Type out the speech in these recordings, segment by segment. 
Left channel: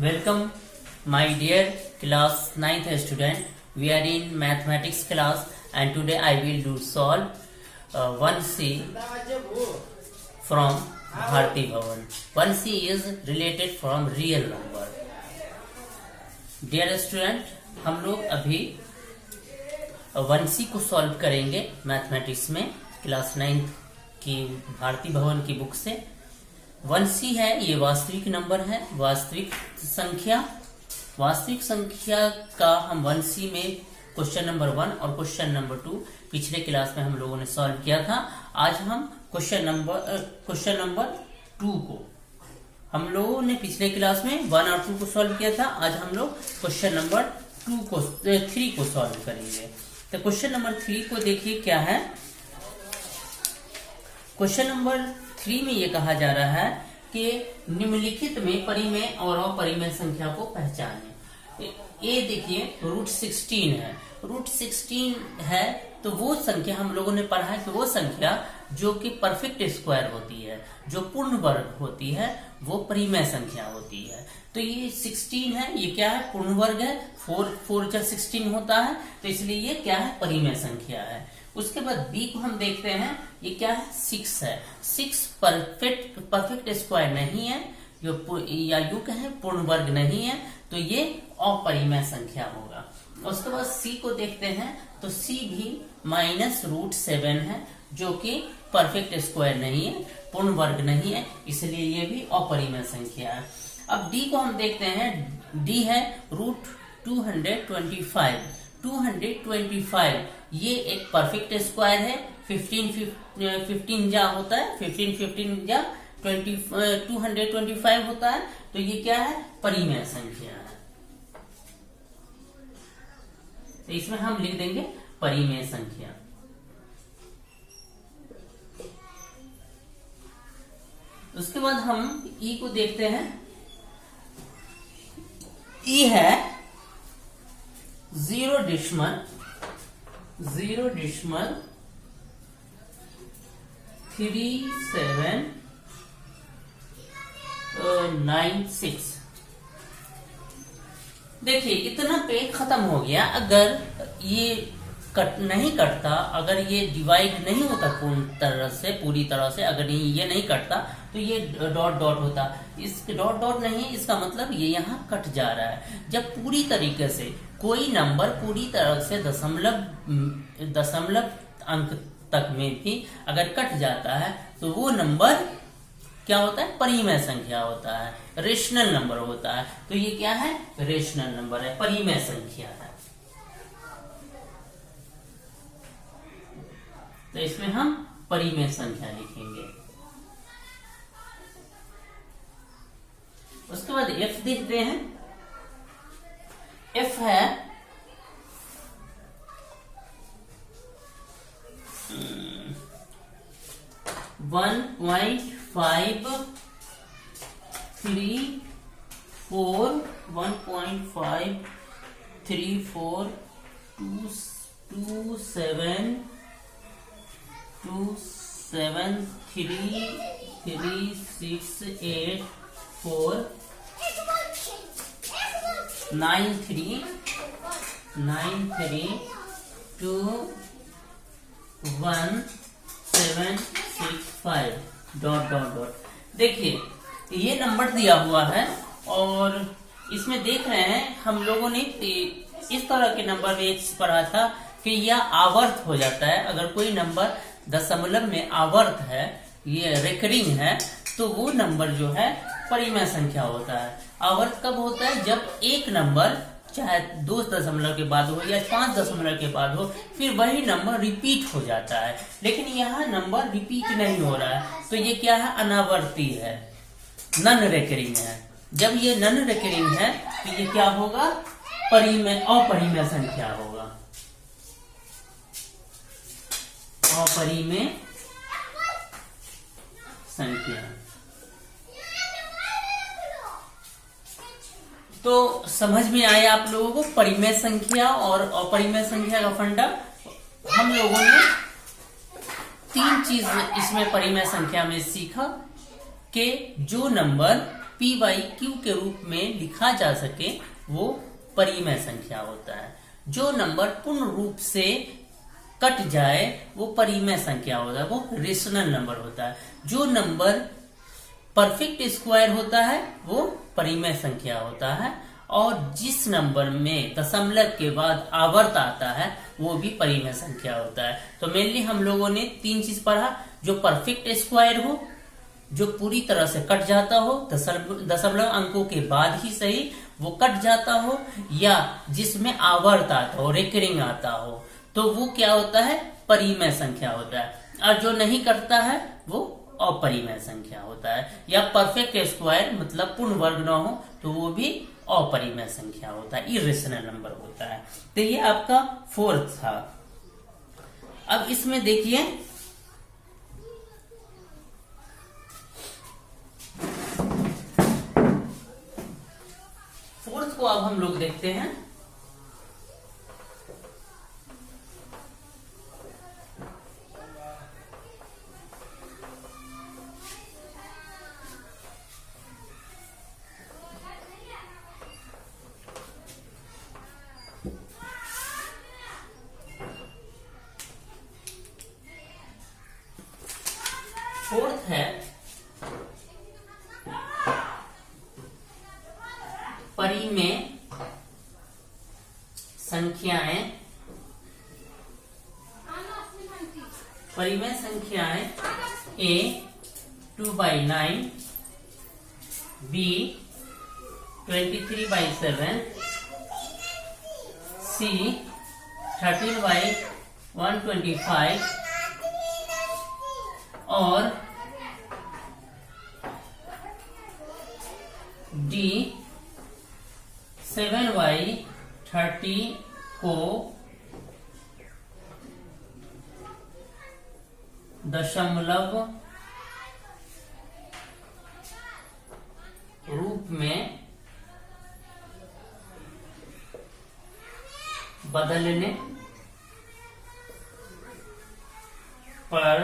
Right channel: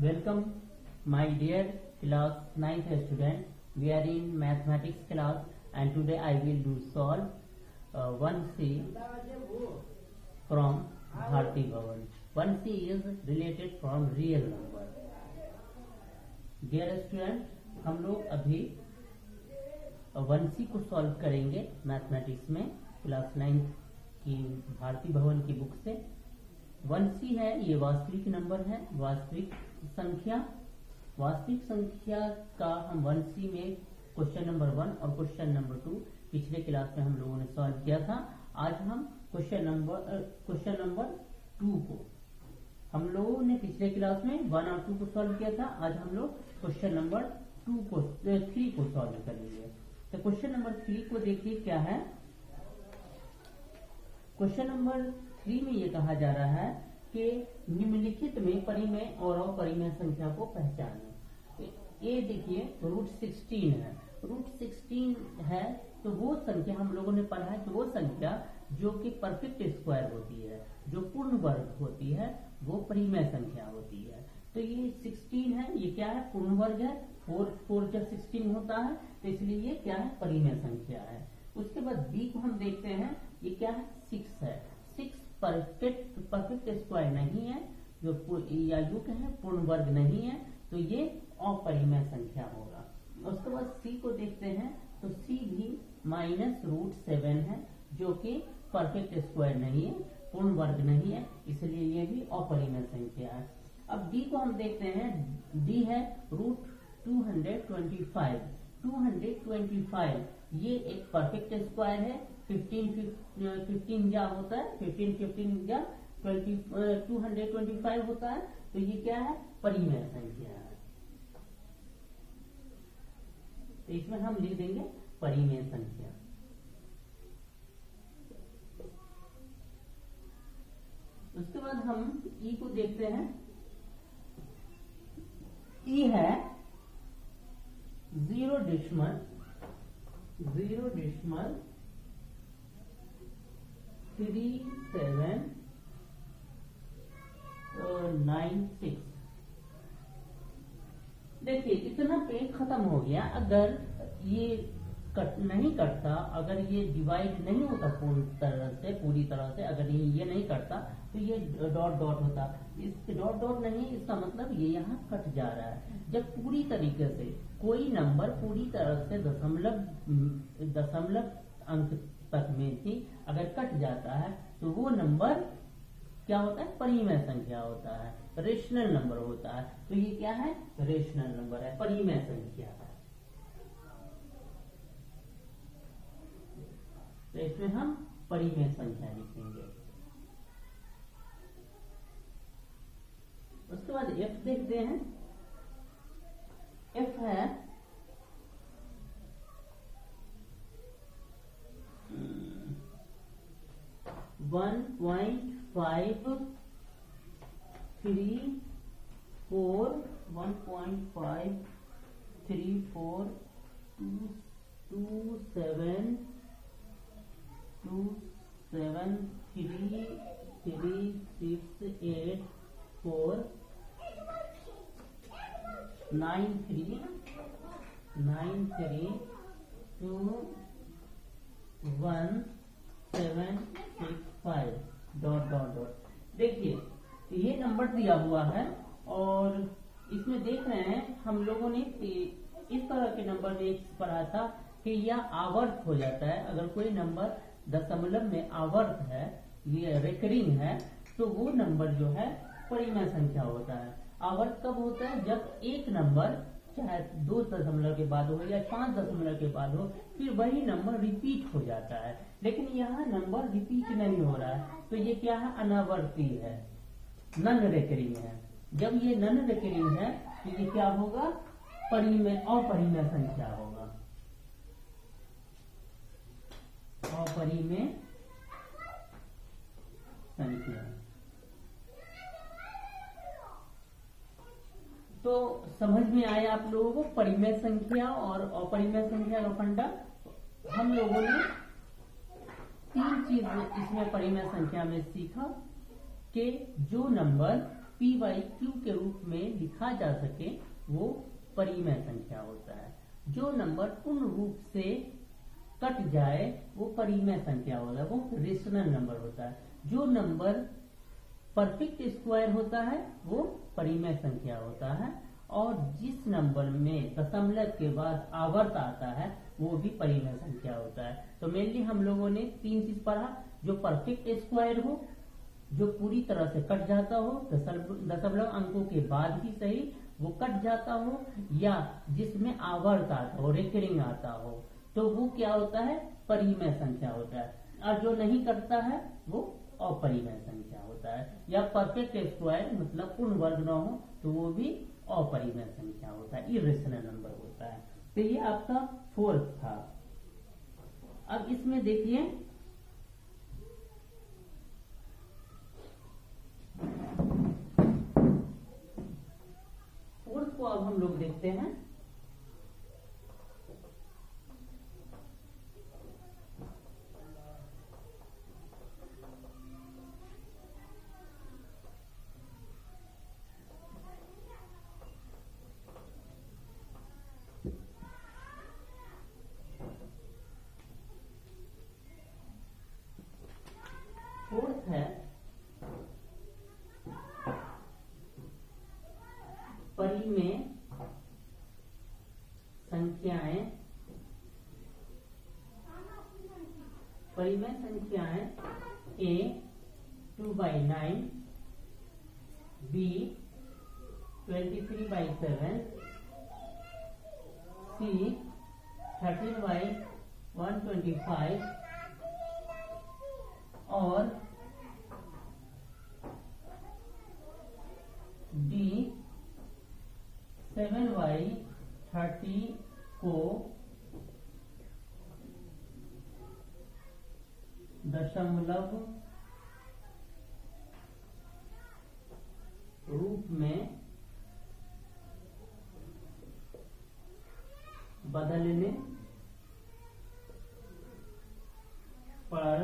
Welcome, my dear class 9th student. We are in mathematics class, and today I will do solve 1C from Bharti Bhavan. 1C is related from real number. Dear student, हम लोग अभी 1C को solve करेंगे mathematics में class 9th की भारती भवन की book से। 1C है, ये वास्तविक नंबर है, वास्तविक संख्या का हम 1C में क्वेश्चन नंबर 1 और क्वेश्चन नंबर 2 पिछले क्लास में हम लोगों ने सॉल्व किया था। आज हम क्वेश्चन नंबर 2 को हम लोगों ने पिछले क्लास में 1 और 2 को सॉल्व किया था। आज हम लोग क्वेश्चन नंबर 3 को सॉल्व करेंगे। तो क्वेश्चन नंबर 3 को देखिए क्या है। क्वेश्चन नंबर 3 में ये कहा जा रहा है कि निम्नलिखित में परिमेय और अपरिमेय संख्या को पहचानें। ये देखिए √16 है। √16 है तो वो संख्या हम लोगों ने पढ़ा है कि वो संख्या जो कि परफेक्ट स्क्वायर होती है, जो पूर्ण वर्ग होती है, वो परिमेय संख्या होती है। तो ये 16 है, ये क्या है? पूर्ण वर्ग है। 4 जा 16 होता है, तो इसलिए ये क्या है? परिमेय संख्या है। उसके बाद बी को हम देखते हैं, ये क्या है? 6 है। 6 परफेक्ट स्क्वायर नहीं है, या यूं कहें पूर्ण वर्ग नहीं है, तो ये अपरिमेय संख्या होगा। उसके बाद सी को देखते हैं, तो सी भी -√7 है, जो कि परफेक्ट स्क्वायर नहीं है, पूर्ण वर्ग नहीं है, इसलिए ये भी अपरिमेय संख्या है। अब डी को हम देखते हैं, डी है √225। 225 ये एक परफेक्ट स्क्वायर है। 15 जा होता है, 15 जा 225 होता है, तो ये क्या है? परिमेय संख्या है। तो इसमें हम लिख देंगे परिमेय संख्या। उसके बाद हम ई को देखते हैं। ई है 0.3796। देखिए इतना पेज खत्म हो गया। अगर ये नहीं कटता, अगर ये डिवाइड नहीं होता पूरी तरह से अगर ये नहीं कटता, तो ये डॉट डॉट होता। इस डॉट डॉट नहीं, इसका मतलब ये यहाँ कट जा रहा है। जब पूरी तरीके से कोई नंबर पूरी तरह से दशमलव अंक तक में भी अगर कट जाता है, तो वो नंबर क्या होता है? परिमेय संख्या होता है, रेशनल नंबर होता है। तो ये क्या है? रेशनल नंबर है, परिमेय संख्या है। तो इसमें हम परिमेय संख्या लिखेंगे। उसके बाद एफ देखते हैं। एफ है 1.5 डॉट डॉट डॉट। देखिए ये नंबर दिया हुआ है, और इसमें देख रहे हैं हम लोगों ने इस तरह के नंबर में एक पढ़ा था कि यह आवर्त हो जाता है। अगर कोई नंबर दशमलव में आवर्त है, ये रेकरिंग है, तो वो नंबर जो है परिमेय संख्या होता है। आवर्त कब होता है? जब एक नंबर चाहे 2 दशमलव के बाद हो या 5 दशमलव के बाद हो, फिर वही नंबर रिपीट हो जाता है। लेकिन यहाँ नंबर रिपीट नहीं हो रहा है, तो ये क्या है? अनावर्ती है, नॉन रेकरिंग है। जब ये नॉन रेकरिंग है, तो ये क्या होगा? अपरिमेय संख्या होगा। अपरिमेय संख्या। तो समझ में आया आप लोगों को परिमेय संख्या और अपरिमेय संख्या का फंडा। हम लोगों ने 3 चीज इसमें परिमेय संख्या में सीखा कि जो नंबर पी बाई क्यू के रूप में लिखा जा सके वो परिमेय संख्या होता है। जो नंबर पूर्ण रूप से कट जाए वो परिमेय संख्या होता है, वो रेशनल नंबर होता है। जो नंबर परफेक्ट स्क्वायर होता है वो परिमेय संख्या होता है, और जिस नंबर में दशमलव के बाद आवर्त आता है वो भी परिमेय संख्या होता है। तो मेनली हम लोगों ने 3 चीज पढ़ा, जो परफेक्ट स्क्वायर हो, जो पूरी तरह से कट जाता हो, दशमलव अंकों के बाद ही सही वो कट जाता हो, या जिसमें आवर्त आता हो, रिकरिंग आता हो, तो वो क्या होता है, परिमेय संख्या होता है। और जो नहीं कटता है वो अपरिमेय संख्या होता है। या परफेक्ट स्क्वायर मतलब पूर्ण वर्ग न हो तो वो भी अपरिमेय संख्या होता है, इरेशनल नंबर होता है। तो ये आपका 4th था। अब इसमें देखिए फोर्थ को अब हम लोग देखते हैं। फोर्थ है परिमेय संख्याएं। परिमेय संख्याएं A 2/9, B 23/7, C 13/125 और D 7/30 को दशमलव रूप में बदलने पर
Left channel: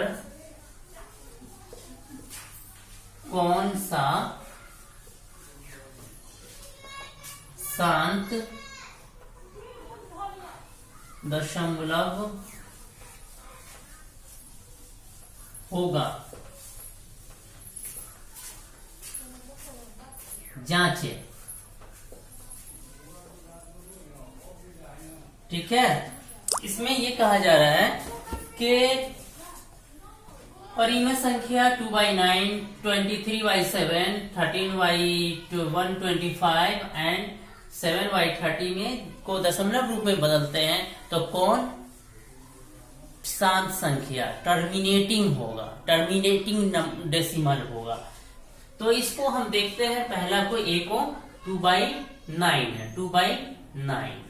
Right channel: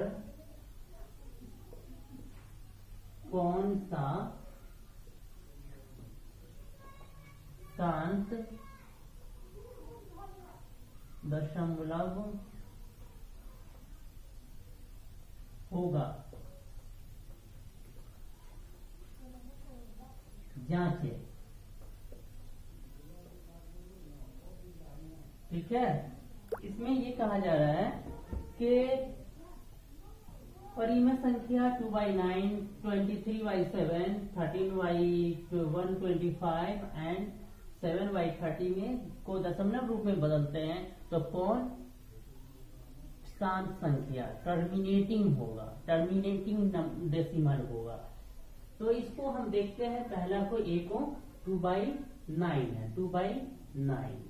कौन सा शांत दशमलव होगा, जांचे। ठीक है, इसमें ये कहा जा रहा है कि परिमेय संख्या 2/9, 23/7, 13/125 एंड 7/30 में को दशमलव रूप में बदलते हैं तो कौन शांत संख्या, टर्मिनेटिंग होगा, टर्मिनेटिंग डेसिमल होगा। तो इसको हम देखते हैं। पहला को A को 2/9 है, 2/9।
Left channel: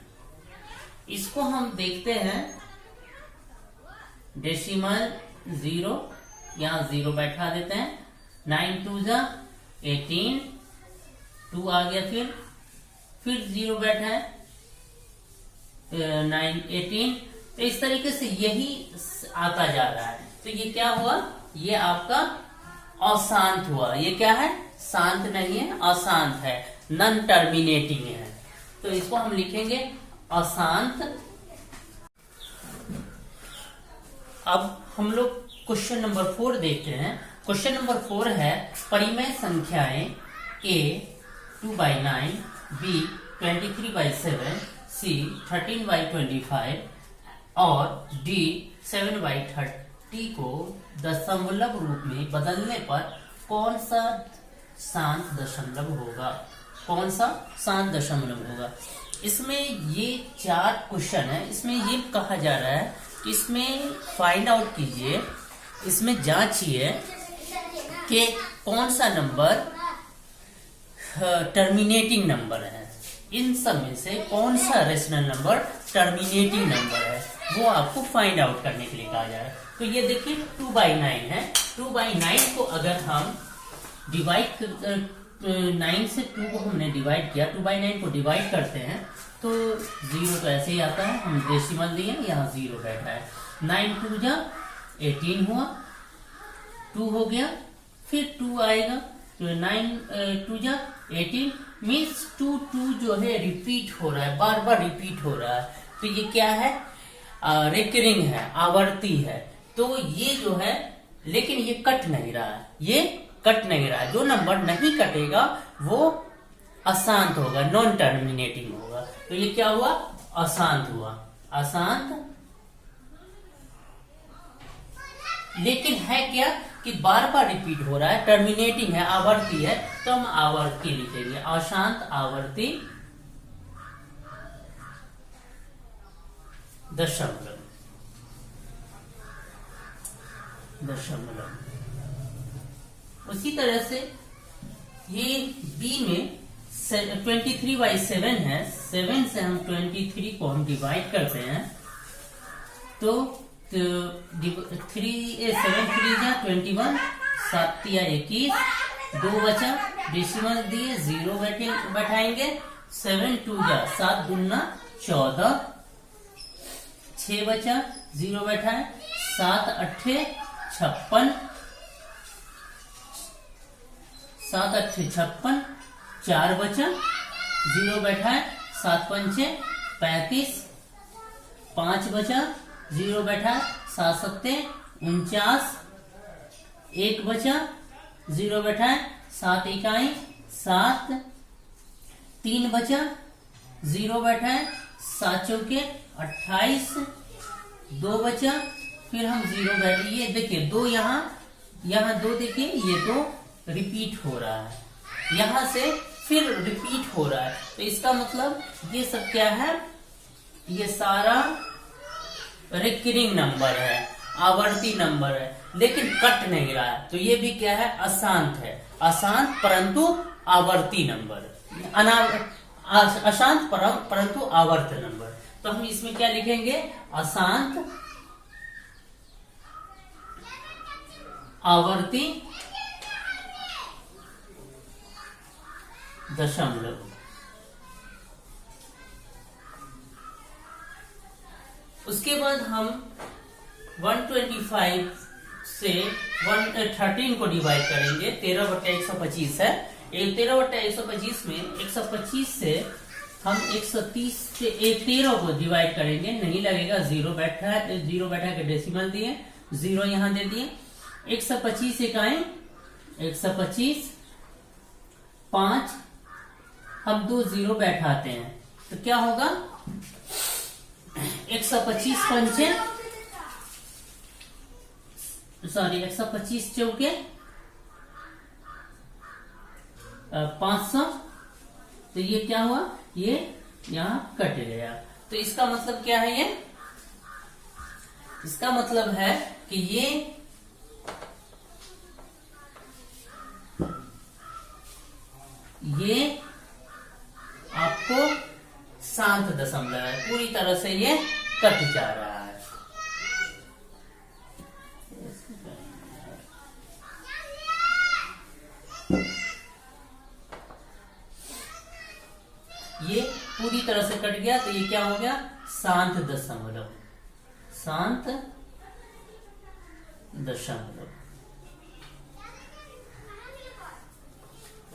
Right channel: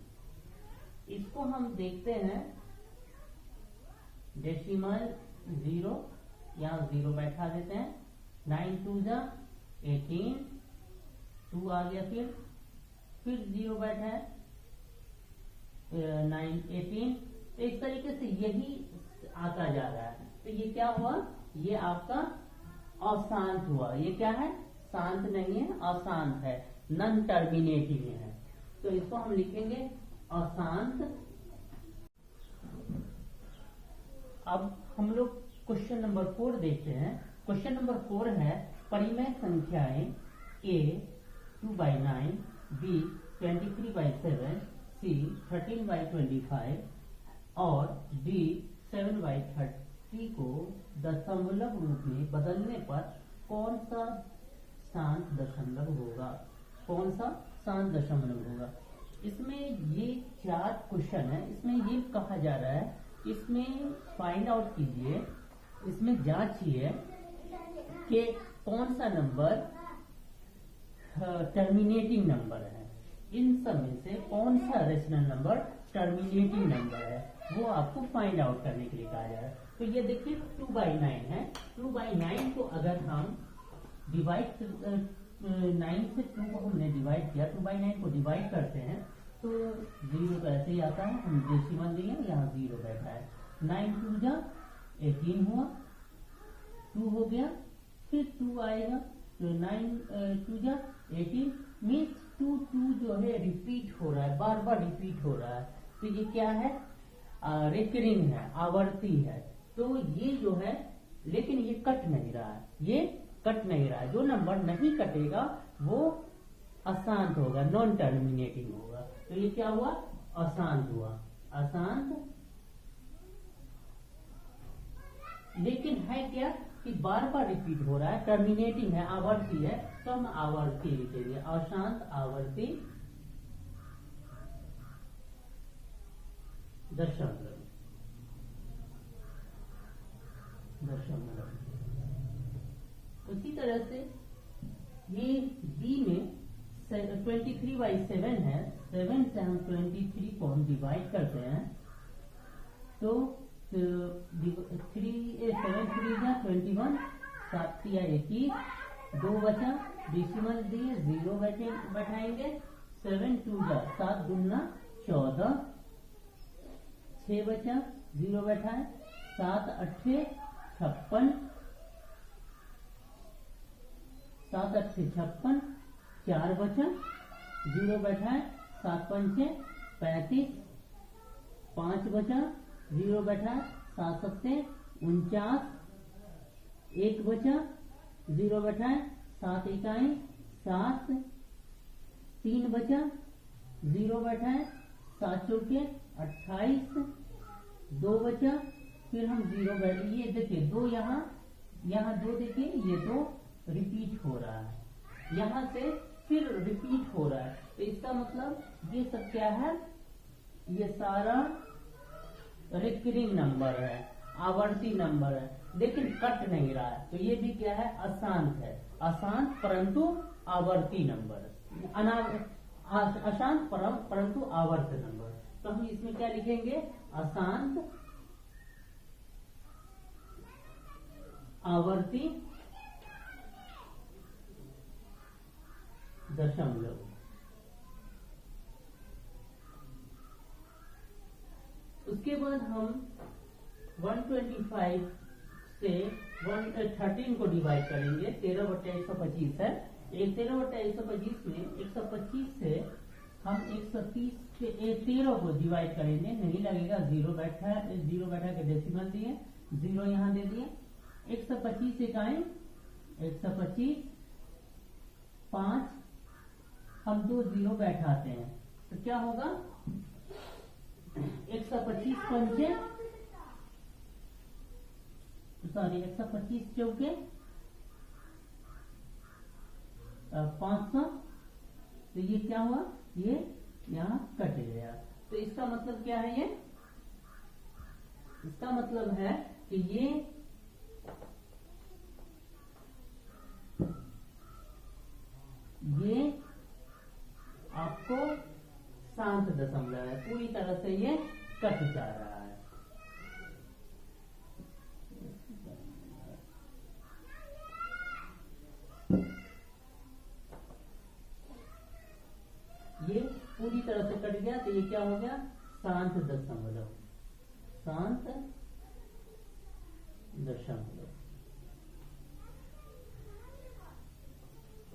इसको हम देखते हैं डेसिमल 0, यहाँ 0 बैठा देते हैं। 9 2 जा 18, 2 आ गया, फिर 0 बैठा है, 9 18। तो इस तरीके से यही आता जा रहा है। तो ये क्या हुआ, ये आपका अशांत हुआ। ये क्या है, शांत नहीं है, अशांत है, नॉन टर्मिनेटिंग है। तो इसको हम लिखेंगे अशांत। अब हम लोग क्वेश्चन नंबर 4 देखते हैं। क्वेश्चन नंबर 4 है परिमेय संख्याएं A 2/9, B 23/7, C 13/25 और D 7/30 को दशमलव रूप में बदलने पर कौन सा शांत दशमलव होगा, कौन सा शांत दशमलव होगा। इसमें ये 4 क्वेश्चन है। इसमें ये कहा जा रहा है कि इसमें फाइंड आउट कीजिए, इसमें जांचिए कि कौन सा नंबर टर्मिनेटिंग नंबर है। इन सब में से कौन सा रेशनल नंबर टर्मिनेटिंग नंबर है, वो आपको फाइंड आउट करने के लिए कहा जा रहा है। तो ये देखिए 2/9 है। 2/9 को अगर हम डिवाइड 9 से 2 को हमने डिवाइड किया, 2/9 को डिवाइड करते हैं तो 0 तो ऐसे ही आता है। हम डेसिमल दिए, यहाँ 0 बैठा है। 9 2 जा 18 हुआ, 2 हो गया, फिर 2 आएगा, 9 टू जा 18 मीन्स 2 जो है रिपीट हो रहा है, बार बार रिपीट हो रहा है। तो ये क्या है, रिकरिंग है, आवर्ती है। तो ये जो है, लेकिन ये कट नहीं रहा है, ये कट नहीं रहा है। जो नंबर नहीं कटेगा वो अशांत होगा, नॉन टर्मिनेटिंग होगा। तो ये क्या हुआ, अशांत हुआ, अशांत। लेकिन है क्या कि बार बार रिपीट हो रहा है, टर्मिनेटिंग है, आवर्ती है, तो हम आवर्ती लिखेंगे, अशांत आवर्ती दशमलव। उसी तरह से ये बी में 23/7 है, 7 से हम 23 को हम डिवाइड करते हैं। तो 7 3 जा 21, 7 तिया 21, 2 बचा, डेसिमल दिए 0 बैठाएंगे, 7 2 जा 7 दूना 14, 6 बचा 0 बैठाए, 7 8 56, 7 8 56, 4 बचा 0 बैठाए, 7 5 35, 5 बचा 0 बैठाए, 7 7 49, 1 बचा 0 बैठाए, 7 इकाई 7, 3 बचा 0 बैठाए, 7 चौके 28, 2 बचा, फिर हम 0 बैठे। ये देखिए 2 यहाँ 2 देखिए, ये 2 रिपीट हो रहा है, यहां से फिर रिपीट हो रहा है। तो इसका मतलब ये सब क्या है, ये सारा रिकरिंग नंबर है, आवर्ती नंबर है, लेकिन कट नहीं रहा है। तो ये भी क्या है, अशांत है, अशांत परंतु आवर्ती नंबर, अशांत परंतु आवर्त नंबर। तो हम इसमें क्या लिखेंगे, अशांत आवर्ती दशमलव। उसके बाद हम 125 से 113 को डिवाइड करेंगे। 13/125 है, 13/125 में 125 से हम 130 से 13 को डिवाइड करेंगे, नहीं लगेगा, 0 बैठा है, 0 बैठा के डेसिमल दिए, 0 यहां दे दिए। 125 इकाई 125, 5 हम 2 0 बैठाते हैं, तो क्या होगा, 125 पंचे, सॉरी 125 चौके 500। तो ये क्या हुआ, ये यहां कट गया। तो इसका मतलब क्या है, ये इसका मतलब है कि ये आपको शांत दशमलव है, पूरी तरह से ये कट जा रहा है। ये पूरी तरह से कट गया, तो ये क्या हो गया, शांत दशमलव, शांत दशमलव।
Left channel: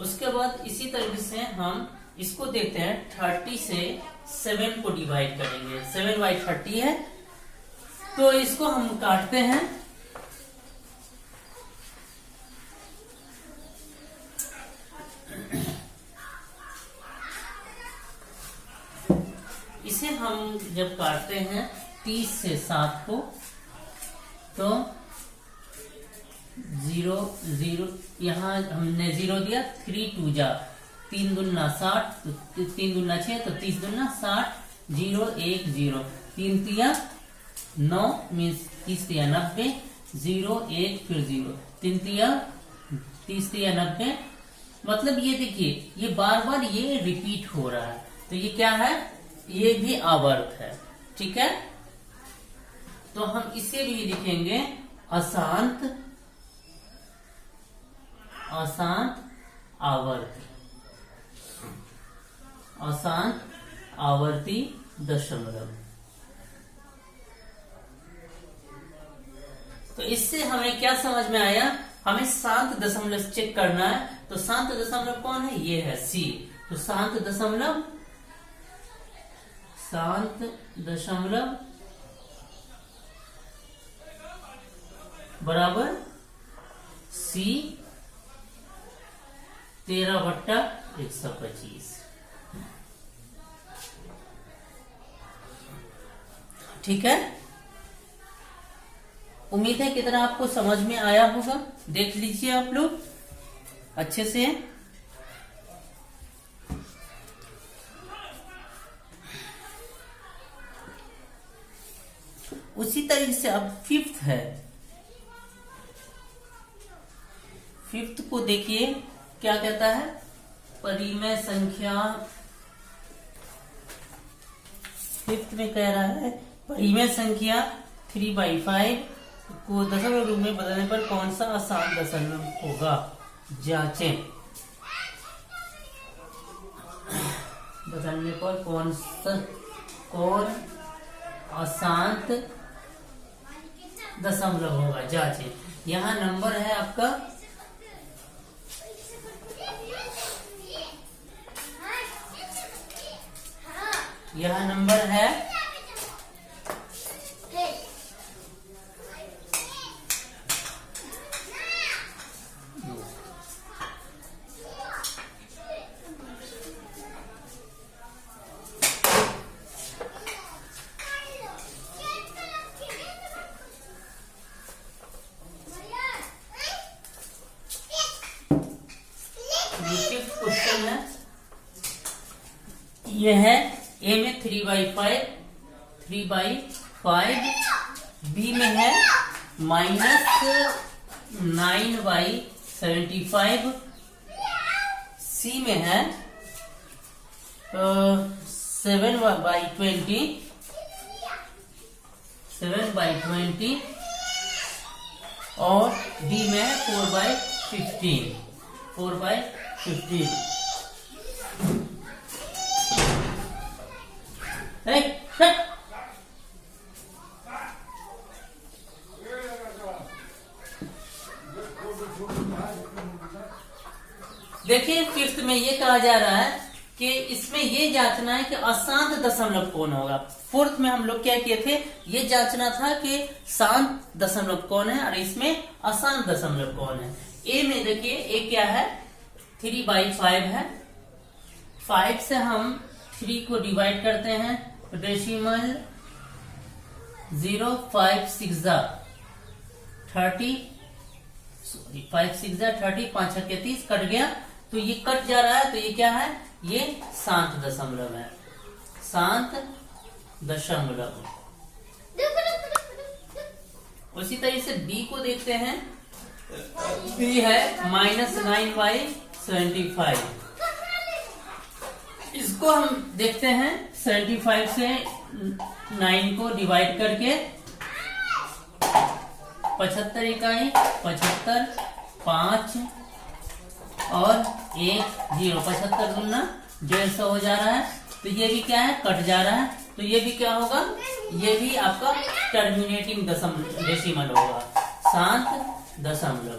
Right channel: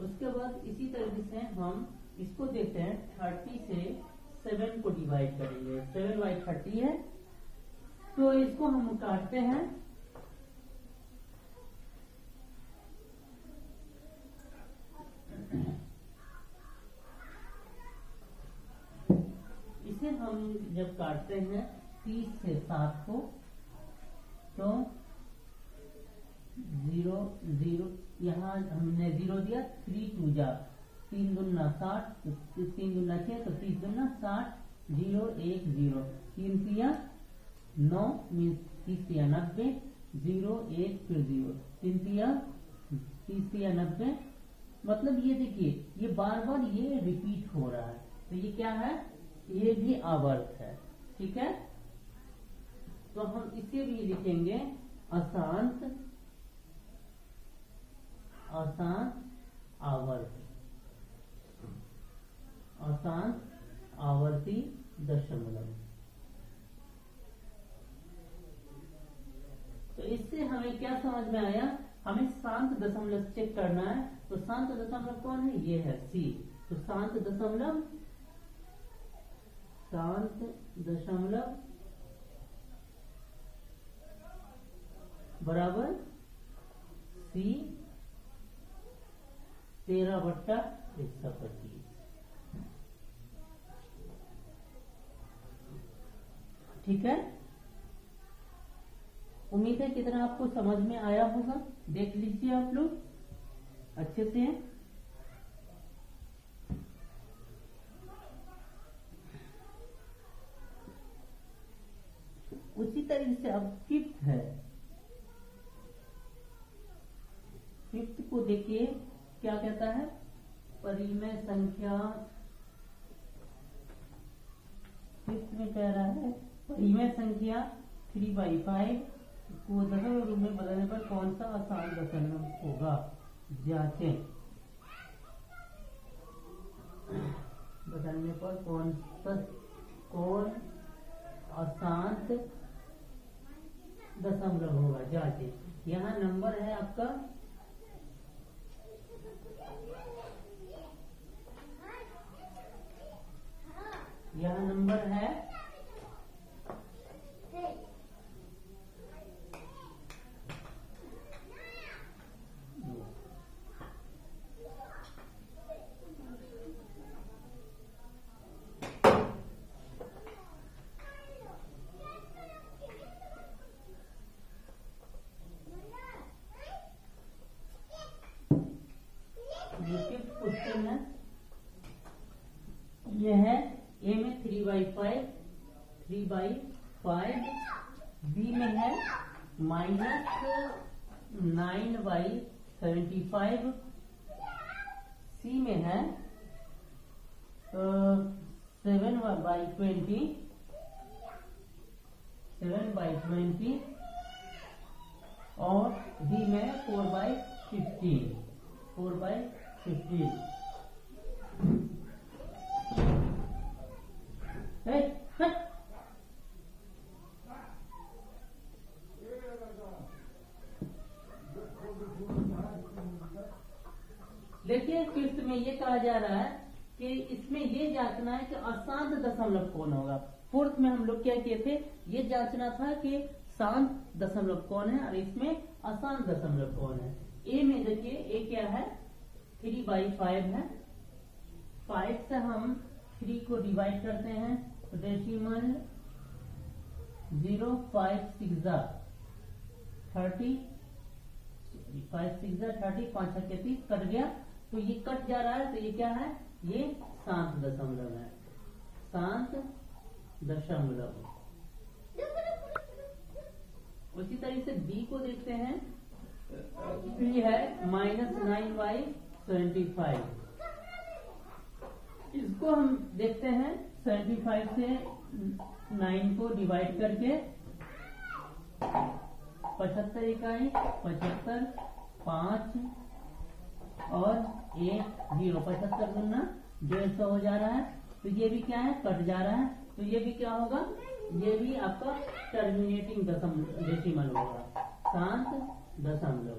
उसके बाद इसी तरीके से हम इसको देखते हैं, 30 से 7 को डिवाइड करेंगे, 7/30 है, तो इसको हम काटते हैं। इसे हम जब काटते हैं 30 से 7 को, तो 0 0 यहाँ हमने 0 दिया, 3 2 जा 3 दूना 60, 3 दूना 6, तो 30 दूना 60, 0 1 0, 3 तिया 9 मीन्स 30 तिया 90, 0 1 फिर 0, 3 तिया 30 तिया 90। मतलब ये देखिए, ये बार बार ये रिपीट हो रहा है, तो ये क्या है, ये भी आवर्त है, ठीक है। तो हम इसे भी लिखेंगे अशांत, अशांत आवर्त, अशांत आवर्ती दशमलव। तो इससे हमें क्या समझ में आया, हमें शांत दशमलव चेक करना है, तो शांत दशमलव कौन है? ये है सी। तो शांत दशमलव बराबर सी 13/125। ठीक है, उम्मीद है कितना आपको समझ में आया होगा। देख लीजिए आप लोग अच्छे से। उसी तरीके से अब फिफ्थ है। फिफ्थ को देखिए क्या कहता है, परिमेय संख्या। फिफ्थ में कह रहा है परिमेय संख्या 3/5 को दशमलव रूप में बदलने पर कौन सा आसान दशमलव होगा, जांचें। बदलने पर कौन आसान दशमलव होगा, जांचें। यहाँ नंबर है आपका है क्वेश्चन है, ये है ए में 3/5, बी में है -9/75, सी में है 7/20 और डी में है 4/15। देखिए फिफ्थ में ये कहा जा रहा है कि इसमें ये जांचना है कि अशांत दशमलव कौन होगा। फोर्थ में हम लोग क्या किए थे, ये जांचना था कि शांत दशमलव कौन है और इसमें अशांत दशमलव कौन है। ए में देखिए ए क्या है, 3/5 है। 5 से हम 3 को डिवाइड करते हैं तो डेसिमल 0 5 6 30, 5 6 30, 5 6 30 कट गया, तो ये कट जा रहा है, तो ये क्या है, ये शांत दशमलव है, शांत दशमलव। उसी तरीके से बी को देखते हैं, बी है -9/75। इसको हम देखते हैं 75 से 9 को डिवाइड करके 75 इकाई, 75, 5 और 1 0, 75 गुना 150 हो जा रहा है। तो ये भी क्या है, कट जा रहा है, तो ये भी क्या होगा, ये भी आपका टर्मिनेटिंग डेसिमल होगा, शांत दशमलव।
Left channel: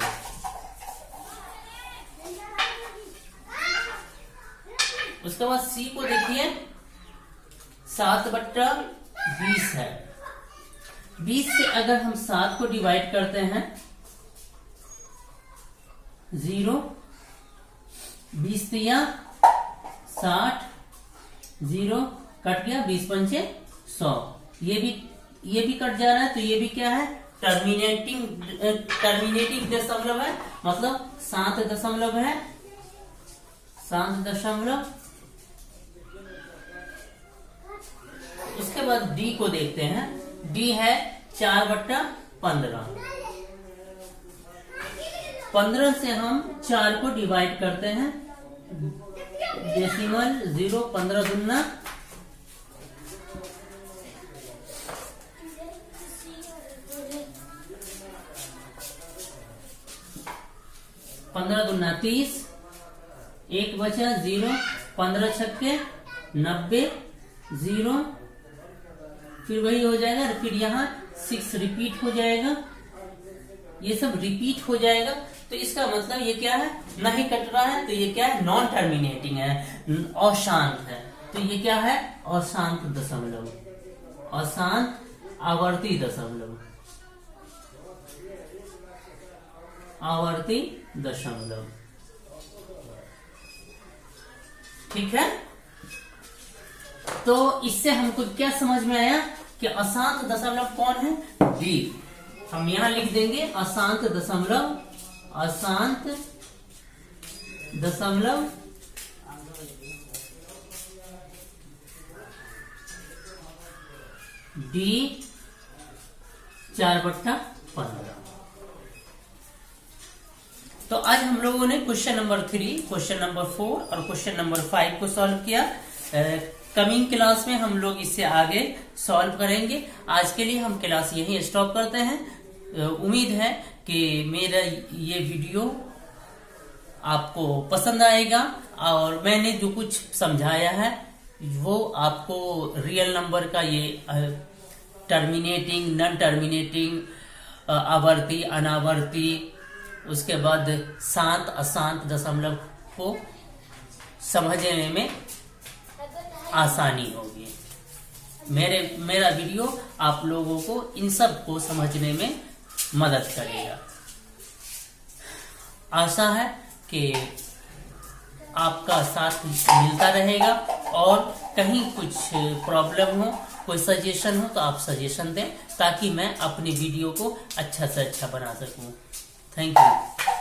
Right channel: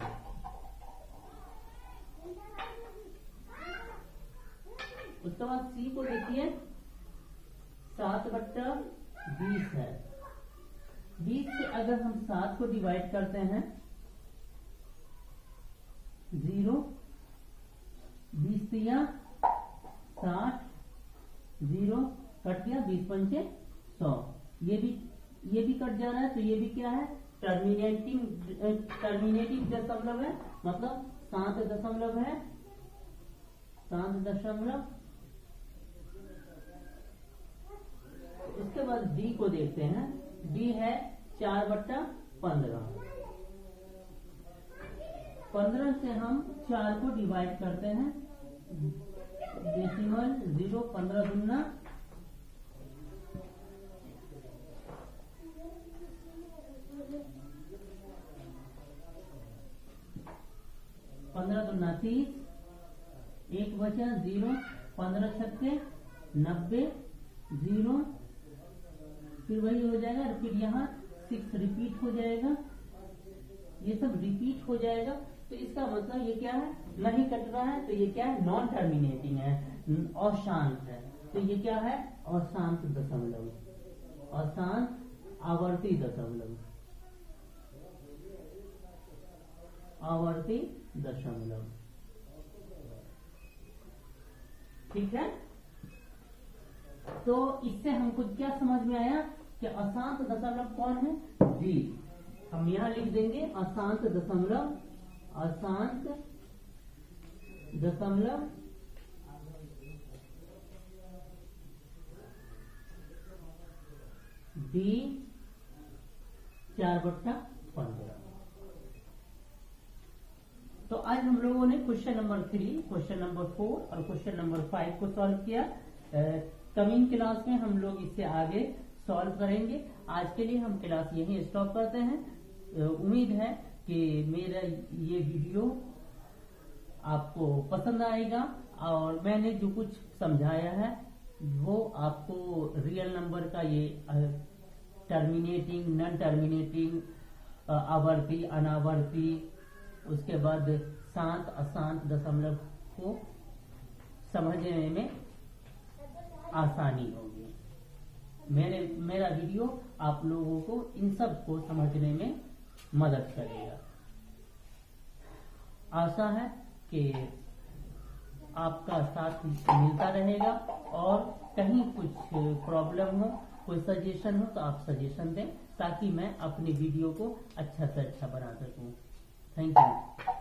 उसके बाद सी को देखिए, 7/20 है। 20 से अगर हम 7 को डिवाइड करते हैं 0, 20 दिया 60, 0 कट गया, 20 पंचे 100, ये भी कट जा रहा है, तो ये भी क्या है, टर्मिनेटिंग दशमलव है, मतलब शांत दशमलव है, शांत दशमलव। उसके बाद डी को देखते हैं, डी है 4/15। 15 से हम 4 को डिवाइड करते हैं, डेसिमल 0, 15 दूना 30, 1 बचा 0, 15 छक्के 90, 0, फिर वही हो जाएगा, फिर यहाँ 6 रिपीट हो जाएगा, ये सब रिपीट हो जाएगा। तो तो इसका मतलब ये क्या है, नहीं कट रहा है, तो ये क्या है, नॉन टर्मिनेटिंग है, अशांत है। तो ये क्या है, अशांत दशमलव, अशांत आवर्ती दशमलव, आवर्ती दशमलव। ठीक है, तो इससे हमको क्या समझ में आया कि अशांत दशमलव कौन है, डी। हम यहां लिख देंगे अशांत दशमलव, अशांत दशमलव डी 4/15। तो आज हम लोगों ने क्वेश्चन नंबर 3, क्वेश्चन नंबर 4 और क्वेश्चन नंबर 5 को सॉल्व किया। कमिंग क्लास में हम लोग इससे आगे सॉल्व करेंगे। आज के लिए हम क्लास यहीं स्टॉप करते हैं। उम्मीद है कि मेरा ये वीडियो आपको पसंद आएगा और मैंने जो कुछ समझाया है वो आपको रियल नंबर का ये टर्मिनेटिंग, नॉन टर्मिनेटिंग, आवर्ती, अनावर्ती, उसके बाद शांत अशांत दशमलव को समझने में आसानी होगी। मेरा वीडियो आप लोगों को इन सब को समझने में मदद करेगा। आशा है कि आपका साथ मिलता रहेगा और कहीं कुछ प्रॉब्लम हो, कोई सजेशन हो तो आप सजेशन दें ताकि मैं अपनी वीडियो को अच्छा से अच्छा बना सकूं। Thank you.